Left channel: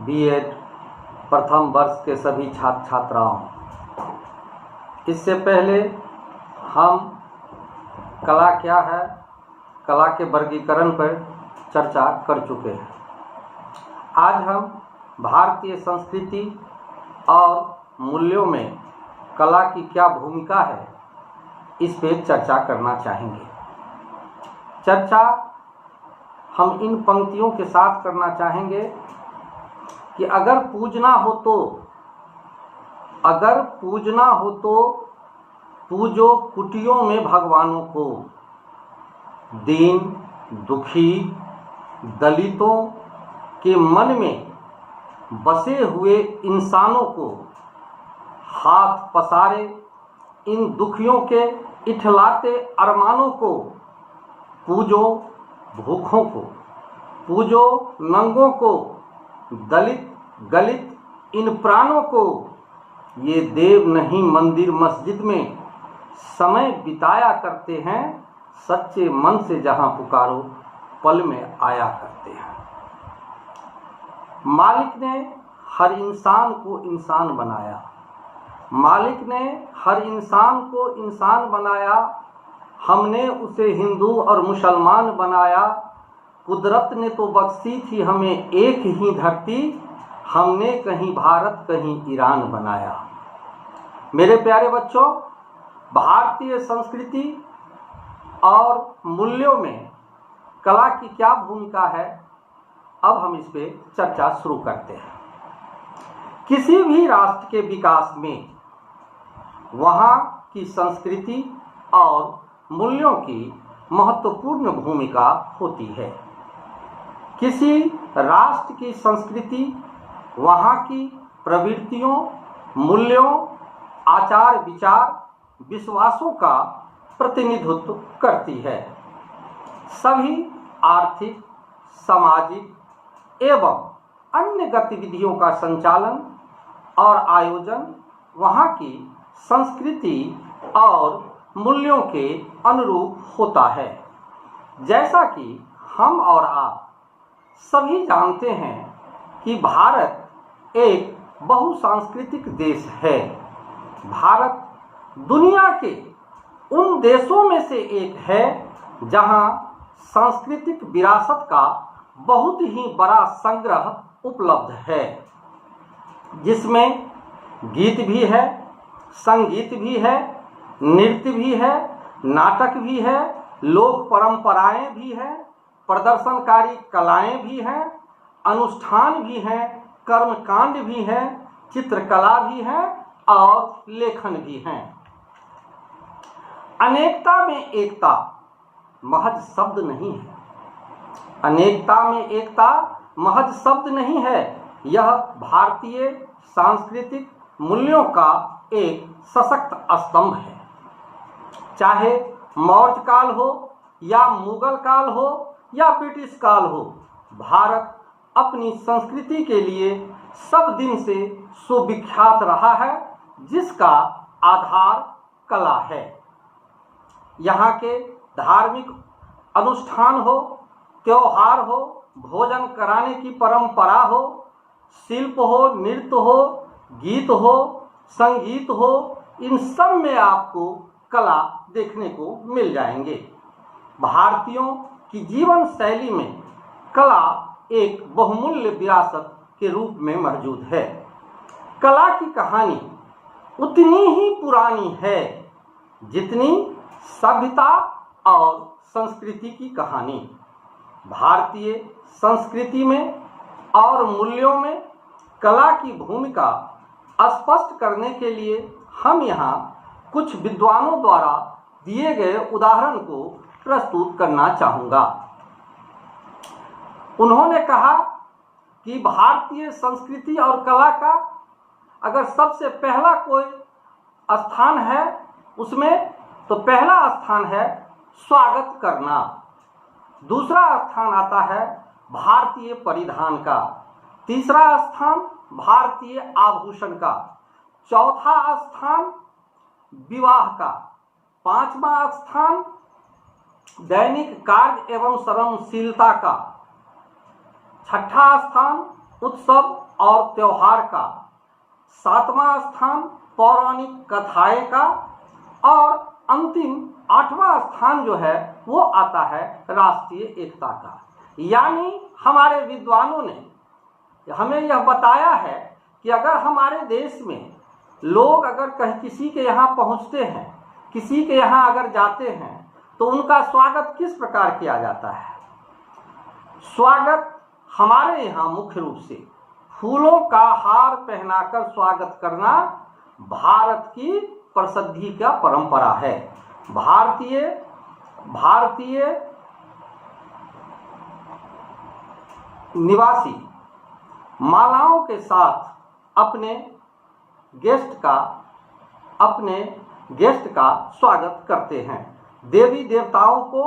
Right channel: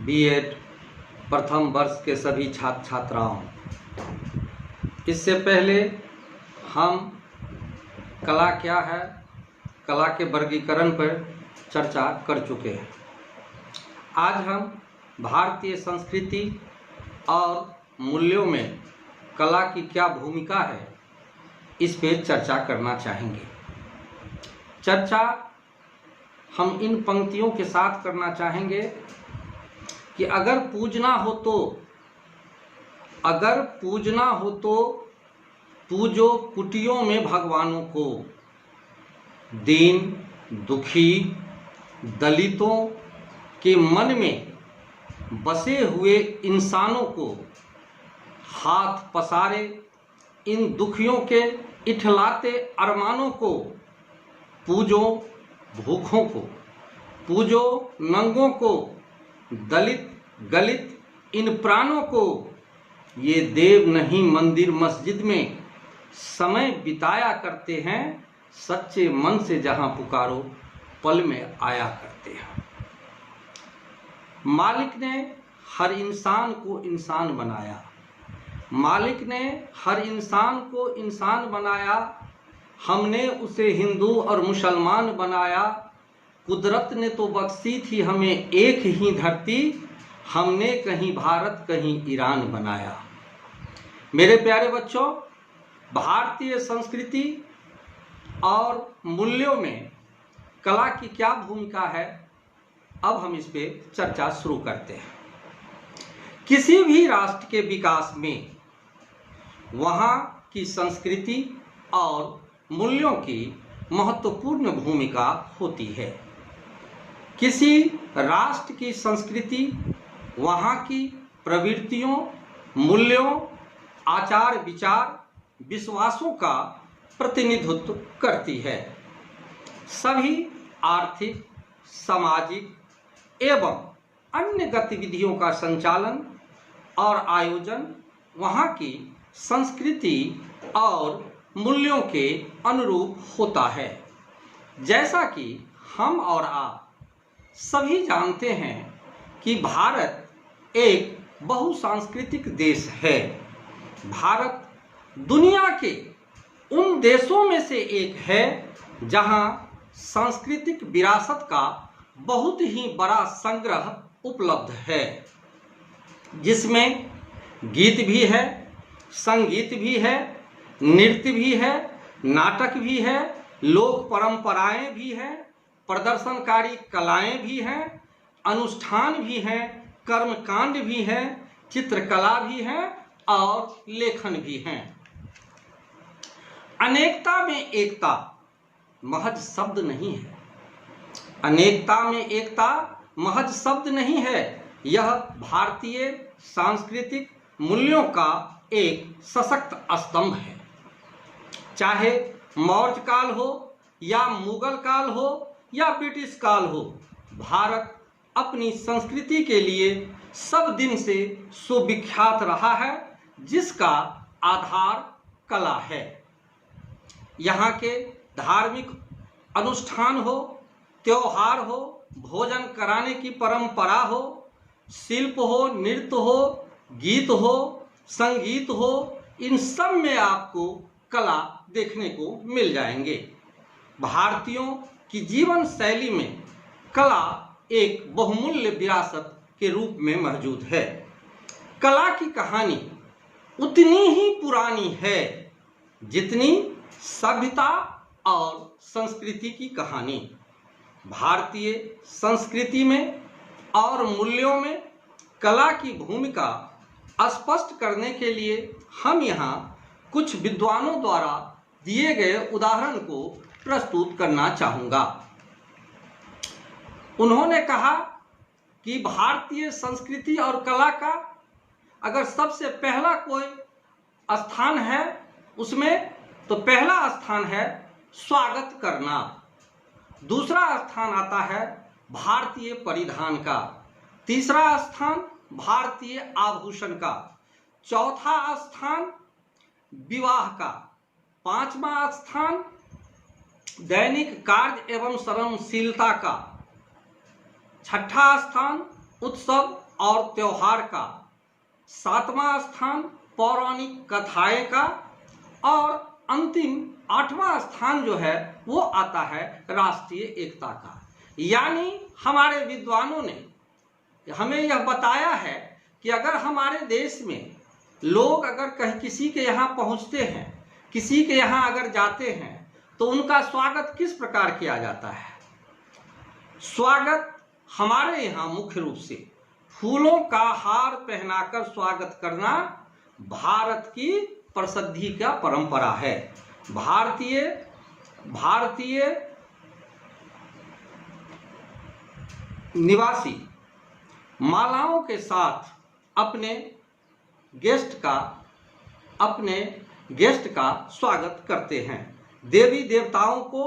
BEd प्रथम वर्ष के सभी छात्र छात्राओं, इससे पहले हम कला क्या है, कला के वर्गीकरण पर चर्चा कर चुके हैं। आज हम भारतीय संस्कृति और मूल्यों में कला की क्या भूमिका है, इस पे चर्चा करना चाहेंगे। चर्चा हम इन पंक्तियों के साथ करना चाहेंगे कि अगर पूजना हो तो पूजो कुटियों में भगवानों को, दीन दुखी दलितों के मन में बसे हुए इंसानों को, हाथ पसारे इन दुखियों के इठलाते अरमानों को, पूजो भूखों को, पूजो नंगों को, दलित गलित इन प्राणों को। ये देव नहीं मंदिर मस्जिद में समय बिताया करते हैं, सच्चे मन से जहां पुकारो पल में आया करते हैं। मालिक ने हर इंसान को इंसान बनाया, मालिक ने हर इंसान को इंसान बनाया। हमने उसे हिंदू और मुसलमान बनाया। कुदरत ने तो बख्शी थी हमें एक ही धरती, हमने कहीं भारत कहीं ईरान बनाया। मेरे प्यारे बच्चों, भारतीय संस्कृति और मूल्यों में कला की क्या भूमिका है, अब हम इस पे चर्चा शुरू करते हैं। किसी भी राष्ट्र के विकास में वहाँ की संस्कृति और मूल्यों की महत्वपूर्ण भूमिका होती है। किसी राष्ट्र की संस्कृति वहाँ की प्रवृत्तियों, मूल्यों, आचार विचार, विश्वासों का प्रतिनिधित्व करती है। सभी आर्थिक, सामाजिक एवं अन्य गतिविधियों का संचालन और आयोजन वहाँ की संस्कृति और मूल्यों के अनुरूप होता है। जैसा कि हम और आप सभी जानते हैं कि भारत एक बहुसांस्कृतिक देश है। भारत दुनिया के उन देशों में से एक है जहां सांस्कृतिक विरासत का बहुत ही बड़ा संग्रह उपलब्ध है, जिसमें गीत भी है, संगीत भी है, नृत्य भी है, नाटक भी है, लोक परंपराएं भी हैं, प्रदर्शनकारी कलाएं भी हैं, अनुष्ठान भी हैं, कर्मकांड भी हैं, चित्रकला भी है और लेखन भी हैं। अनेकता में एकता महज शब्द नहीं है। अनेकता में एकता महज शब्द नहीं है, यह भारतीय सांस्कृतिक मूल्यों का एक सशक्त स्तंभ है। चाहे मौर्य काल हो या मुगल काल हो या ब्रिटिश काल हो, भारत अपनी संस्कृति के लिए सब दिन से सुविख्यात रहा है, जिसका आधार कला है। यहाँ के धार्मिक अनुष्ठान हो, त्योहार हो, भोजन कराने की परंपरा हो, शिल्प हो, नृत्य हो, गीत हो, संगीत हो, इन सब में आपको कला देखने को मिल जाएंगे। भारतीयों की जीवन शैली में कला एक बहुमूल्य विरासत के रूप में मौजूद है। कला की कहानी उतनी ही पुरानी है जितनी सभ्यता और संस्कृति की कहानी। भारतीय संस्कृति में और मूल्यों में कला की भूमिका स्पष्ट करने के लिए हम यहाँ कुछ विद्वानों द्वारा दिए गए उदाहरण को प्रस्तुत करना चाहूँगा। उन्होंने कहा कि भारतीय संस्कृति और कला का अगर सबसे पहला कोई स्थान है उसमें, तो पहला स्थान है स्वागत करना, दूसरा स्थान आता है भारतीय परिधान का, तीसरा स्थान भारतीय आभूषण का, चौथा स्थान विवाह का, पांचवा स्थान दैनिक कार्य एवं श्रमशीलता का, छठा स्थान उत्सव और त्योहार का, 7वां स्थान पौराणिक कथाएं का, और अंतिम 8वां स्थान जो है वो आता है राष्ट्रीय एकता का। यानी हमारे विद्वानों ने हमें यह बताया है कि अगर हमारे देश में लोग अगर कहीं किसी के यहाँ पहुँचते हैं, किसी के यहाँ अगर जाते हैं, तो उनका स्वागत किस प्रकार किया जाता है? स्वागत हमारे यहाँ मुख्य रूप से फूलों का हार पहनाकर स्वागत करना भारत की प्रसिद्धि का परंपरा है। भारतीय निवासी मालाओं के साथ अपने गेस्ट का स्वागत करते हैं। देवी देवताओं को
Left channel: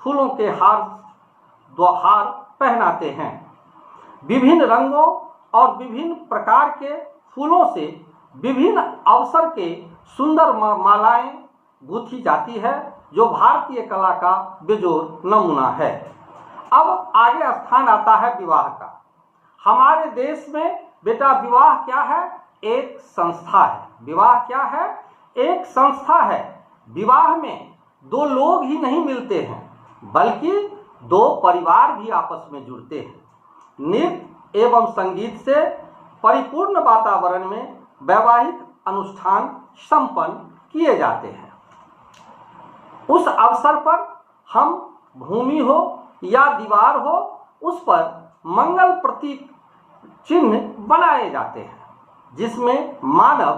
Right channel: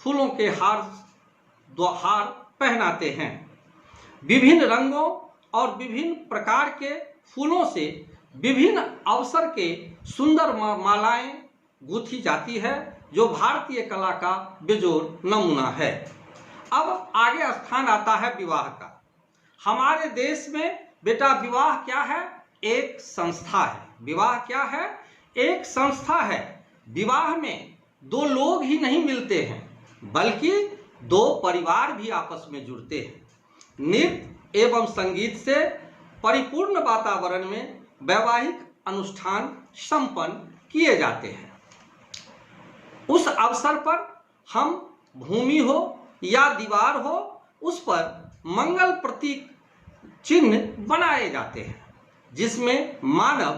फूलों के हार पहनाते हैं। विभिन्न रंगों और विभिन्न प्रकार के फूलों से विभिन्न अवसर के सुंदर मालाएं गूंथी जाती है, जो भारतीय कला का बेजोड़ नमूना है। अब आगे स्थान आता है विवाह का। हमारे देश में बेटा विवाह क्या है? एक संस्था है। विवाह क्या है? एक संस्था है। विवाह में दो लोग ही नहीं मिलते हैं, बल्कि दो परिवार भी आपस में जुड़ते हैं। नृत्य एवं संगीत से परिपूर्ण वातावरण में वैवाहिक अनुष्ठान संपन्न किए जाते हैं। उस अवसर पर हम भूमि हो या दीवार हो, उस पर मंगल प्रतीक चिन्ह बनाए जाते हैं, जिसमें मानव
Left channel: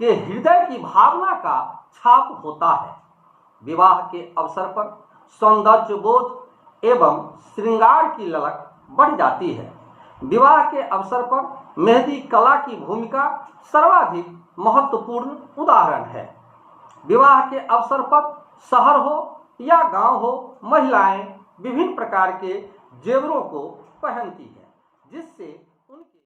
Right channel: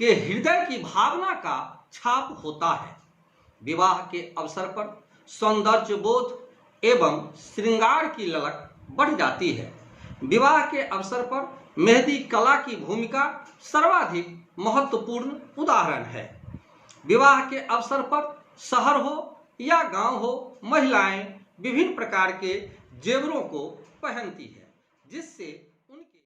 के हृदय की भावना का छाप होता है। विवाह के अवसर पर सौंदर्य बोध एवं श्रृंगार की ललक बढ़ जाती है। विवाह के अवसर पर मेहंदी कला की भूमिका सर्वाधिक महत्वपूर्ण उदाहरण है। विवाह के अवसर पर शहर हो या गांव हो, महिलाएं विभिन्न प्रकार के जेवरों को पहनती है, जिससे